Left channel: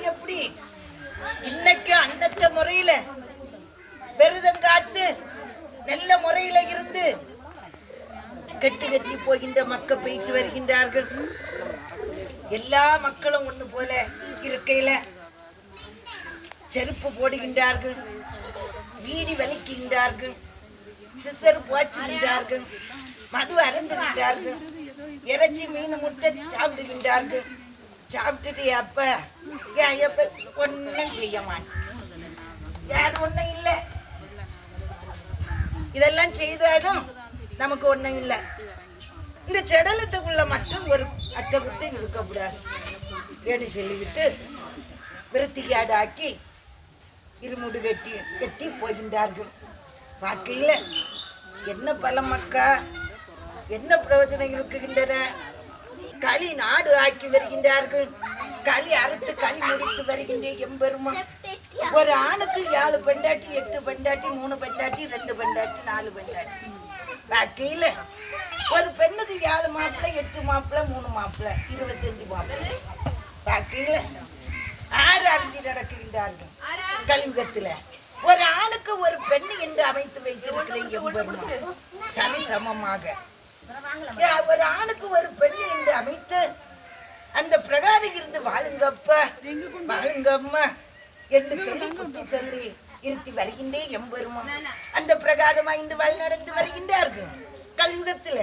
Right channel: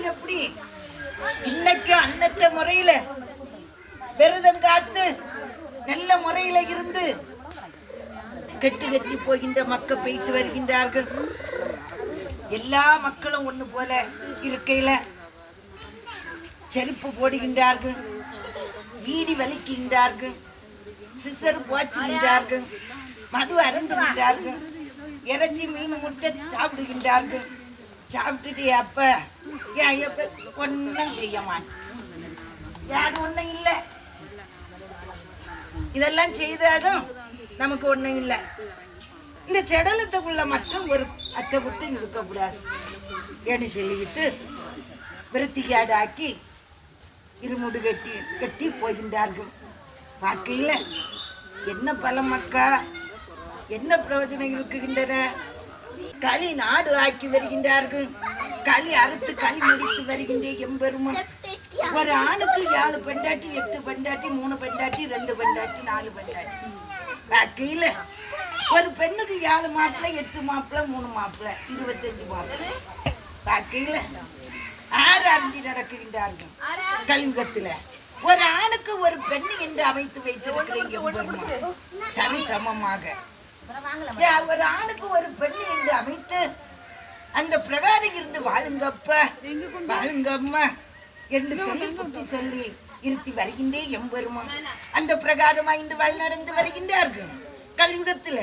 அது எப்படி இன்னைக்கு அன்னத்த முறையில விரதம் காத்து நல்ல முறையில இருந்து கட்டி கட்டி போகின்ற மக்கள் போயிட்டு வருகின்றார்கள். எல்லா மக்களும் ஒண்ணு போல இருக்கையில செருப்பு போடுகின்றார்கள், வீடி வலிக்கின்றார்கள், சிசர் போச்சுகின்றார்கள், மது அருந்துகின்றார்கள், இறைச்சி மீன் முட்டை சாப்பிடுகின்றார்கள். சாப்பிட்டுட்டு அப்ப ஒன்னும் செய்ய மாட்டேன், யாரு ஒன்னும் இல்லை. இதெல்லாம் செய்தாலும் நமக்கு ஒண்ணும் இல்லை. இந்த செடலத்துக்குள்ள மட்டும் ஒரு அட்டை குத்து இருக்கக்கூடாது ஏன்னு சொல்லிவிட்டு விருத்திக்காடு ஆக்கி இருமுடு வெட்டி வெட்டி போகின்றார்கள். பார்க்கையில என்ன பலம் மக்கா, என்ன பிரயோஜனம் இருக்குகின்றன? களி நாடு ஆக்கி வருகின்றார்கள். களி அறுத்து களி முடித்து வருகின்ற எம்பெருமான். ஒரு ஆணுக்கு 7 பெண்டாட்டி 8 பெண்டாட்டி 3 பெண்டாட்டி 2 பெண்டாட்டி 4 பெண்டாட்டி. பார்க்கையில ஒரு பெண்ணுக்கு 7 மாப்பிள்ளை 8 மாப்பிள்ளை 3 மாப்பிள்ளை 25 மாப்பிள்ளை. பார்க்கையில 6 அறிஞ்சு நடக்கின்றார்கள். கலிங்கத்துல ஒரு ஆணுக்கு ஒரு பெண் என்று அமைத்து வைத்திருக்கிறேன் எம்பெருமான். சரி சமமாக ஒரு ஆணுக்கு ஒரு பெண் என்று அமைத்து அந்த பிரகாரம் இருந்து வாழுங்கப்ப வாழுங்கம்மா என்று சொல்லி குத்தி தள்ளி இருத்தி வருகின்றே எம்பெருமான். அந்த பிரகாரமா இன்று வழி நடந்து வருகின்றார்கள் கலியுகத்துல.